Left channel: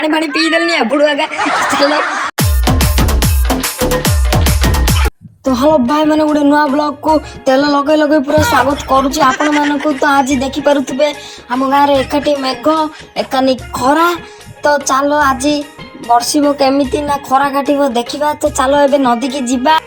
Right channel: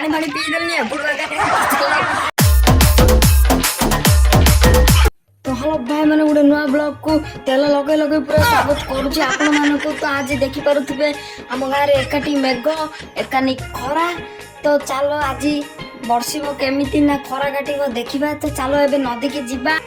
पानी फानी पी देलनी बुढ़वा का चलो। तो हेलो भाई मैंने गोटे नुआ ब्लॉग को तेल लगे लगे पूरा स्वागत करुच्ची आपण मानक। तो आज देखी पारुथिबे आम गाँव रे एकाठी मेघ एकानी खरा। तो चलो आज बर्षिबो केमिति ना खरा काटिबो देखिबा। तो चलो एबे नदी के जीवा।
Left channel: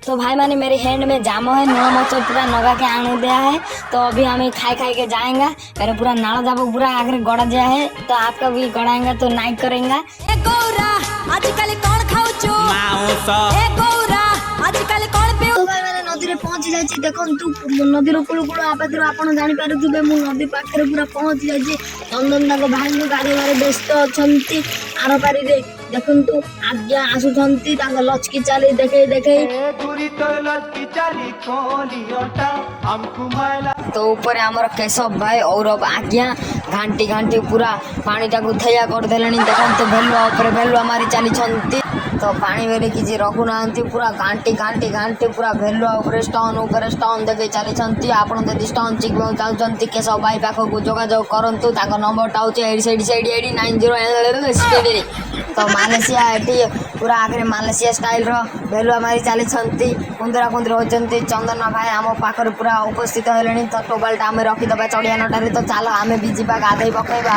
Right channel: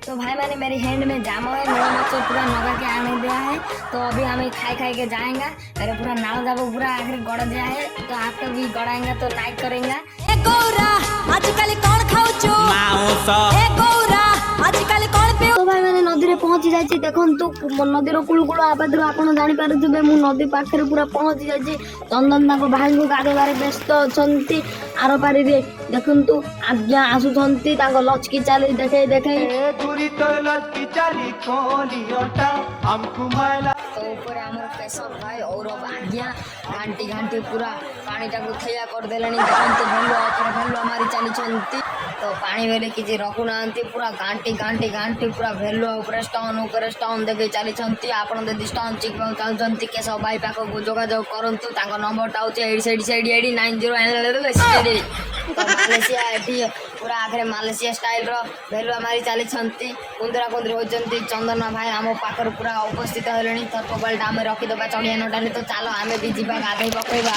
तो भाई माने मेरे हैंड में जामो है, नया मचर पूरा नगा के आने दिया है। तो अभी हमें खाई खाई के जाएंगे। मेरे पूरा नाल जाबो पूरा आगे गड़ा दिया है। तो आपका भी गड़ाएंगे तो नाइट करेंगे। ए गौरा आजकल कौन खाउचो मांस ए गौरा आजकल कौन पे। तो भाई मैंने नदी रे पहुंची जाई छी। देखन तू नदी रो कुळ कुळ आबादरो आपण जानि पारुथिबे मु नदी पाखरे पूरा पहुंची जाई छी। चंदन नाको भाई को गाड़े गाड़े व्यस्त अछंती आरो पारी रे। देखन तू आज्ञा आसुचंती ताको लचकी चाली देखे देखे दूरी तो लचकी चाली कोलियोटा हमकु मायला। तो ऊपर हमर केशव भाई और अब आज्ञा घंटी घंटी पूरा पानी टाको थैया कर देलनी। देखन तो भेलो ऊपर भेलो हमारी चाली छंती। तो पानी में किसी रखु नांती पूरा घंटी घंटी घंटी पूरा भेलो ऊपर स्टोन देखे चली छंती। आपण जदि स्टोन चिकबो चाहछंती केशव भाई पाखो को जोगाजोग करंतु। ताको नंबर टाउचे 8790 तो मालेशिया एटी पूरा आखरे मालेशिया स्टाइल रो भेलो हमारी चली छंती। कुंदरा कुंदर होचंती। चंदन भाई आम पाखरे पूरा उपस्थित हेलेनी। तो टोबालटा आमे रखी दबा चढ़िया नटारे। तो चलो आमे भी जीवा गाधई पकेबा।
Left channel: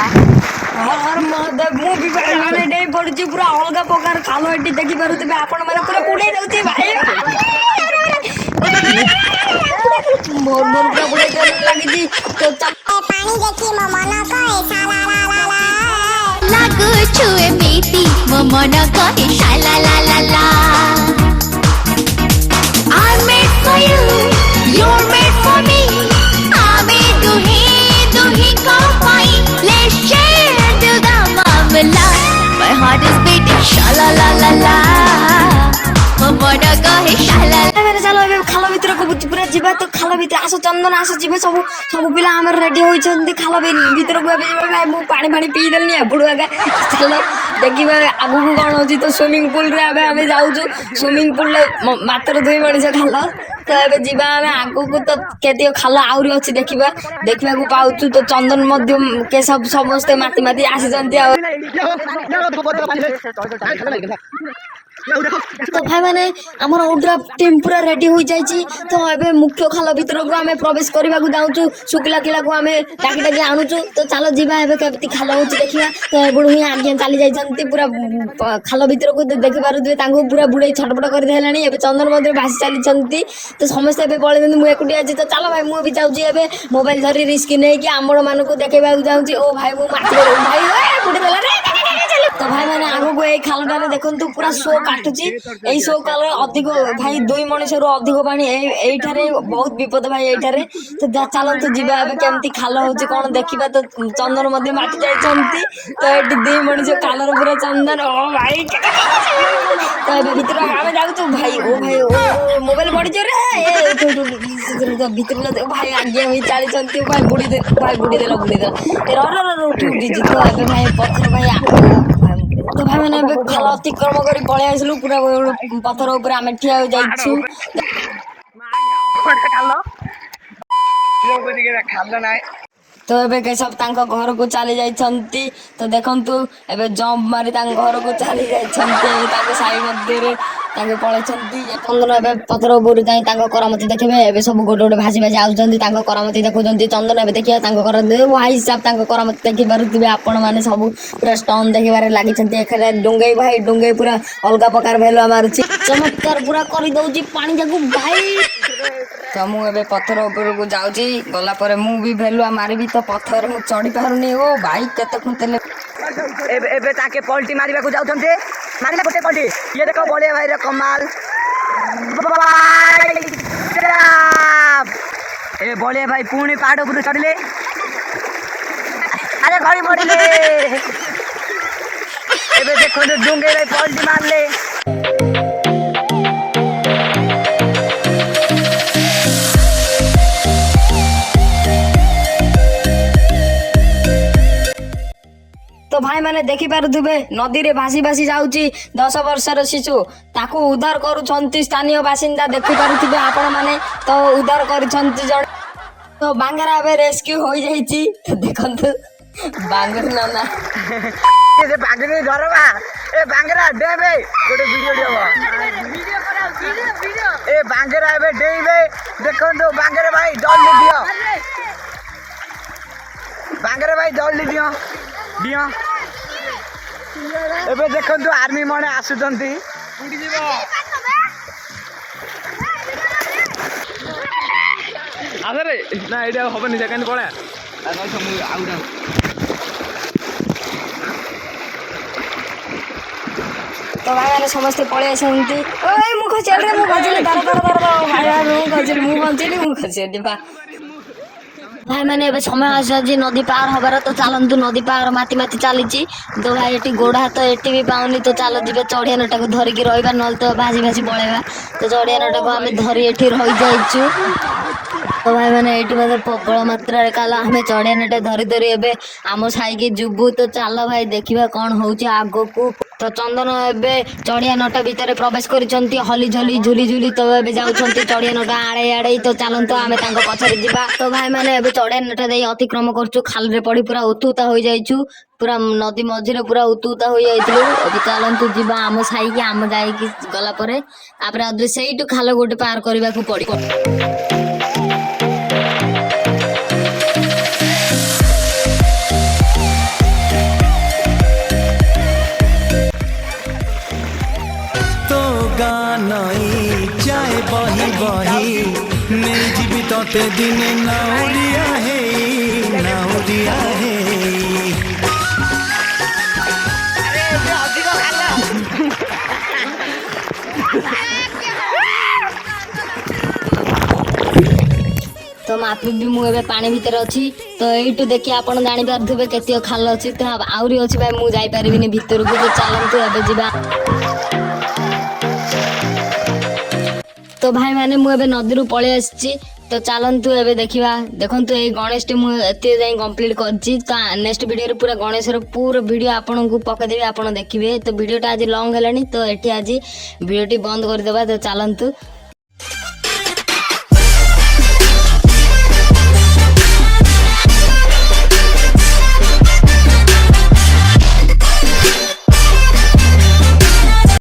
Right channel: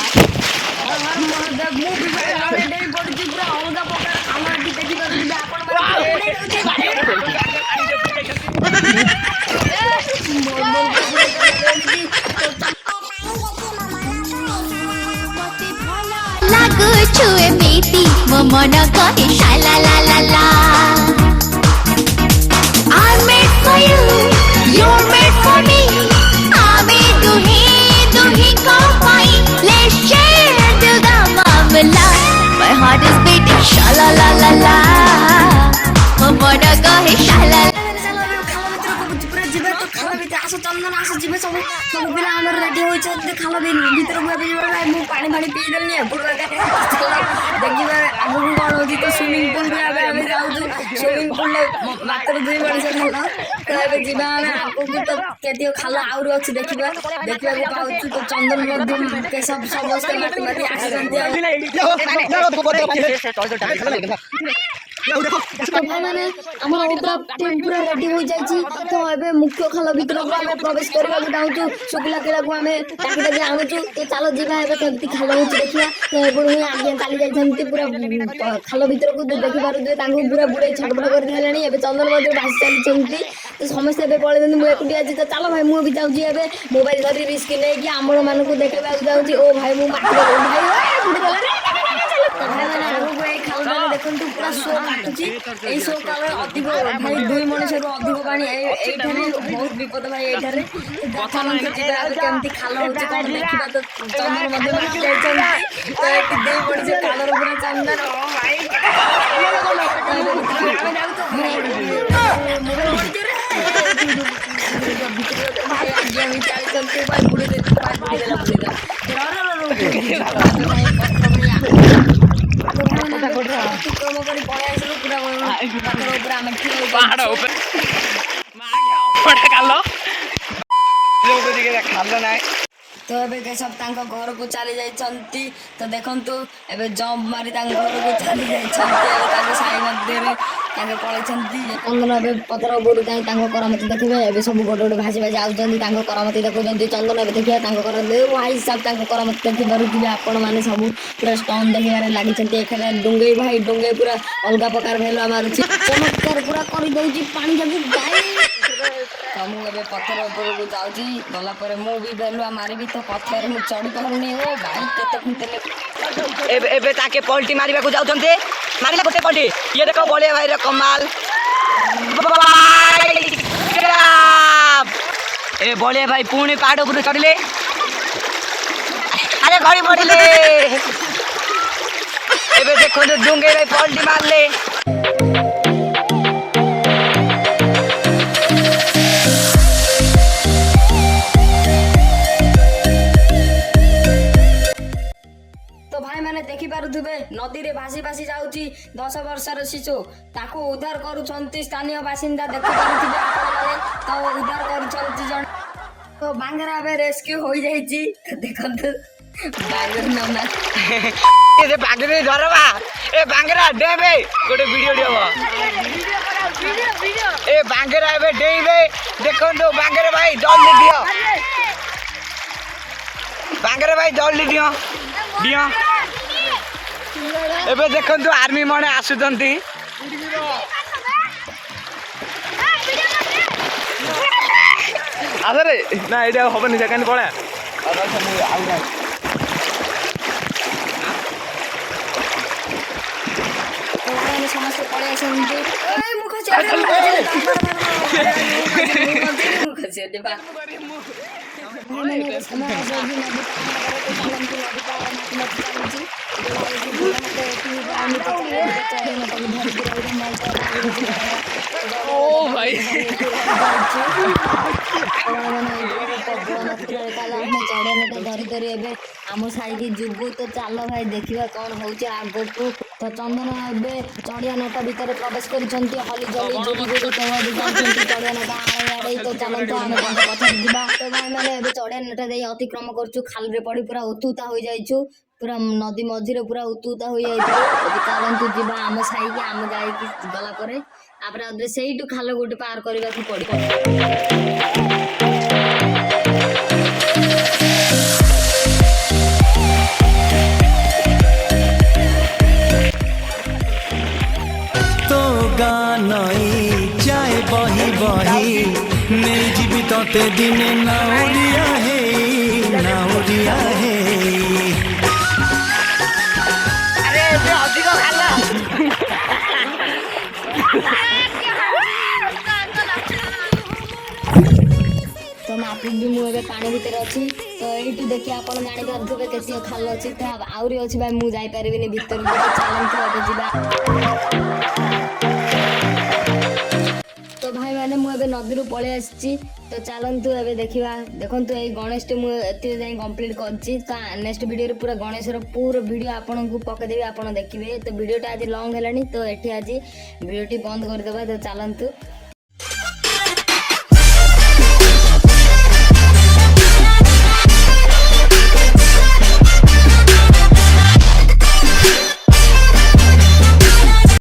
हर महादेव मु भी नले डे पड़ची पूरा अलगा प्रकार खालो एटी देखि पारुथिबे आपण माने उडे रहउती भाई। बोल बोल के उडे रहउती। तो पानी देखि म मना कहे लागु छुए बेटी म मन कहे शाला ला ला ला। I'm made for you, you're made for me. आवे दुही को पाई let's share the मामला। My heart is beating शाला ला ला ला म मन कहे शाला। खाला भितर पूरा जीवा। तो खाला भितर आस चंदन आस जीवे सब सब पिला हमर रेडी होइछन। खाला भितर को अबे जीवा भाई पानी फानी पी देलनी बुढ़वा का चलो देखिबा आगु कोन होची। तो स्विमिंग पूल रे अबे हमें जाउछु। स्विमिंग पूल ले मात्र 2 मणिस खाला। तो अबे जीवा हम आगु को तो केतियो खाला आउरी अछि देखिबा को पाउछु। तो चंदन मध्य के सब समस्त माटी माटी आसी जंती। तो भाई माने हमर पूरा टीम पूरा रेडी हो जाई छी। तो एबे मुख्य खाल भीतर को हमें प्रवेश करबा को जाउछु। शुक्ला किला को हमें टाकी टाकी आनुछु। तो चलो जीवा एबे केति खाल होची देखिया। तो बुढुनी आगे चली जाई छंती पूरा खाल भीतर को देखि पारु दे तांको पूरा बुढे छटपट कर देलानी। एबे चंदन मध्य भासी चली छंती। तो समस्त एबे पळे मु एकुटी आछि। तो चलो भाई मु भी जाउछी एबे मोबाइल धरी रिस्क नै कि हमर मान को देखेबा को जाउछी। ओ भाई मु मात्र भाई बुढे देला रे। तो भाई माने आगु को ए खालटारे देखन तू पूरा शो काटुची। ए शो कलर अधिक भाई 2 मणिस रो अधिक पानी एठारे बहुत विपद भाई एठारे। तो चलो तो जीवा एबे केमती खाल होची कोन देखिबा। तो चंदन मध्ये माटी जाई छंती। तो एटी 2 मणिस कलर पूरा चंदन ओ भाई। तो एबे भीतर हम जाउ तो भाई मोबाइल पड़ी रे भीतर भाई आगे भी चाली छंती। भाई बुडी देला ते रो भाई पत्थर भाई। तो भाई मैंने अतिक्रम कर पड़े आसलु पूरा पत्थर ऊपर आम ठिया हो जाइछु। तो एबे के सब तांको घर को चली जाई छंती। तो देखंतु एबे जंप मारी तांको घर को चली जाई छंती। तांको साई मध्ये रे तांके पळे छंती। चंदन एबे पत्थर ऊपर जाई तांको करामती देखबे। एबे सब गोटे गोटे भासी भासी आउचंती तांको करामती देखुचंती। चंदन एबे देखिया तांको करामती भाई सब तांको करामती देखि पारुथिबे आपण माने सब पूरा स्टोन देखिबारे लागि छंती। एखरे डुंगई भाई डुंगई पूरा अलगा प्रकार भेलो मारुची चमत्कार पूरा करि दउची पानी जाकू भाई। तो मु एबे पत्थर ऊपर को जाउची गला परे मु भी भेलुआ मारिबी। तो पत्थर मु चढ़ी पारुनी। ओ भाई केते खुंतेले एबे एबे ताके पलटी मारिबा को जाउछन्ते। मारिला गोटे पलटी ये देखो बोले भाई रे कमाल। ए बोले भाई पुणी पहाड़ ऊपर चढ़ले। अरे घड़ी पड़ले। एबे देखो डुंगे भाई पलटी मारले। तो भाई मैंने देखि पारुथिबे नदी रे भासी भासी जाउची 10 वर्षर शिशु ताकू उद्धार करूछंती स्थानीय बासिंदा देखि पारुथिबे आपण माने। तो उद्धार करूछंती जण। तो बांगरा एबे रेस्क्यू होई जाईची देखंतु ବାଙ୍ଗର ନାମା ସେ ବାଙ୍ଗରେ ଧରବା ଏ ବାଙ୍ଗରା ଡେବେ ଗୋଟେ ଭିଡିଓ ହବ ଏ ବାଙ୍ଗରା ଏବେ ଡେଇବେ ଦେଖନ୍ତୁ ବାଙ୍ଗରେ ଭାଇ ଜଲ୍ଦି ଦିଅ ବାଙ୍ଗରେ ଭାଇ ଜଲ୍ଦି ଦିଅ ଦିଅ ଏବେ ଦେଖନ୍ତୁ ଆର୍ମି ମାନେ ଆସୁଛନ୍ତି ଆସରେ ନା ଏଇଟା ଆଉ ହବନି ସେକେଣ୍ଡ ପଳା ତ ଭାଇମାନେ ସମସ୍ତେ ପଳେଇ ଆସନ୍ତି ମୁଁ ଖୋଜିଲି ଭାଇମାନେ ଏବେ ସମୟ ଆସୁଛି ନଦୀ ପାର ହବାର ତ ଚାଲନ୍ତୁ ନଦୀ ପାର ମାତି ମାତି ଚାଲିଛି ତ ଭାଇ ଏଠି ଗୋଡ଼ ହାତ ଏଠି ବି ପାଉନି ତ ଚାଲ ଯିବେ ଚଢ଼ିଆନଟାକୁ ଧରିକି ରହିବା ନହେଲେ ତ ଭାସି ଭାସି ପଳେଇବା ତ ଚଢ଼ିଆନଟାକୁ ଆମେ ଧରି ଏଠି ରହିଯାଇଛୁ ତ ଭାଇମାନେ ଏଇଠି ମଧ୍ୟ ପ୍ରବଳ ମାତ୍ରାରେ କାଲ ଆମେ ଚଢ଼ିଆନଟା ଧରି ଧରି ଏବେ ଆମ ସାଇକି ଯିବୁ ତ ଚାଲ ଭାଇ ଦେଖିବା କ'ଣ ହେଉଛି ଆଗକୁ ତ ଚନ୍ଦନ ଏବେ ଚଢ଼ିଆନଟା ଭିତରେ ପ୍ରବେଶ କରିଛନ୍ତି ହଲି ଝଲି ଝୁଲି ଝୁଲି ତ ଏବେ ଯାଉଛନ୍ତି ଚଢ଼ିଆନଟା ଆଡ଼େ ଆଡ଼େ ତ ଚାଲନ୍ତୁ ଆମେ ତାଙ୍କ ପଛରେ ଯିବା ତ ଭାଇମାନେ ଏବେ ଚଢ଼ିଆନଟା ଦେଇ ଅତିକ୍ରମ କରୁଛୁ ଖାଲରେ ପଡ଼ି ପୁରା ଉତୁତା ହୋଇଯାଇଛୁ ପୁରା ନଦୀ ମଝିରେ ପୁରା ଉତୁତା ହୋଇଯାଇଥିଲୁ ଏବେ ଚାଲନ୍ତୁ ଯିବା ଆମ ସାଇକି ଆମ ଯାଇକି ଗଲା ପରେ ତାପରେ ଆଉ ସେଇଠୁ ଖାଲ ଗୋଟେ ପାର କରିବାକୁ ପଡ଼ିବ গানই যায় বহি বহি নেই যাবি ততে দিনে নাউরিয়া হে নাউরিয়া হে ତ ମାଫିକ ବି ମୁଁ ଏବେ ପାଣି ଭିତରେ ଅଛି ତ ଏଇଠୁ ଦେଖି ଆପଣ ଜାଣିପାରୁଥିବେ କେତିକ ଖାଲ ଅଛି ତ ଆହୁରି ଅଛି ଭାଇ ମୁଁ ଯାଇପାରିବିନି ଭିତରକୁ ତ ଚାଲନ୍ତୁ ଏବେ ଯିବା ତ ଭାଇମାନେ ମୁଁ ଏବେ ନଦୀରୁ ପଳେଇ ଆସିଛି ତ ଚାଲନ୍ତୁ ଏବେ ଦେଖିବା ଦେଖନ୍ତୁ ଏଇ ଗଣେଶଟି ମୁଁ ଏତିକି ଯାଇ କମ୍ପ୍ଲିଟ୍ କରିଛି ତ ନେକ୍ସଟ ଭିଡ଼ିଓରେ ପୁରା ଗଣେଶର ପୁରା ଭିଡ଼ିଓ ଆପଣଙ୍କୁ ପକାଇଦେବି ଆପଣ ଦେଖିବେ ତ ଭିଡ଼ିଓଟା ଆଜି ଲଙ୍ଗ ହେଲାଣି ତ ଏଠି ଆଜି ଭିଡ଼ିଓଟି ବନ୍ଦ କରିଦେବା ତ ଚାଲନ୍ତୁ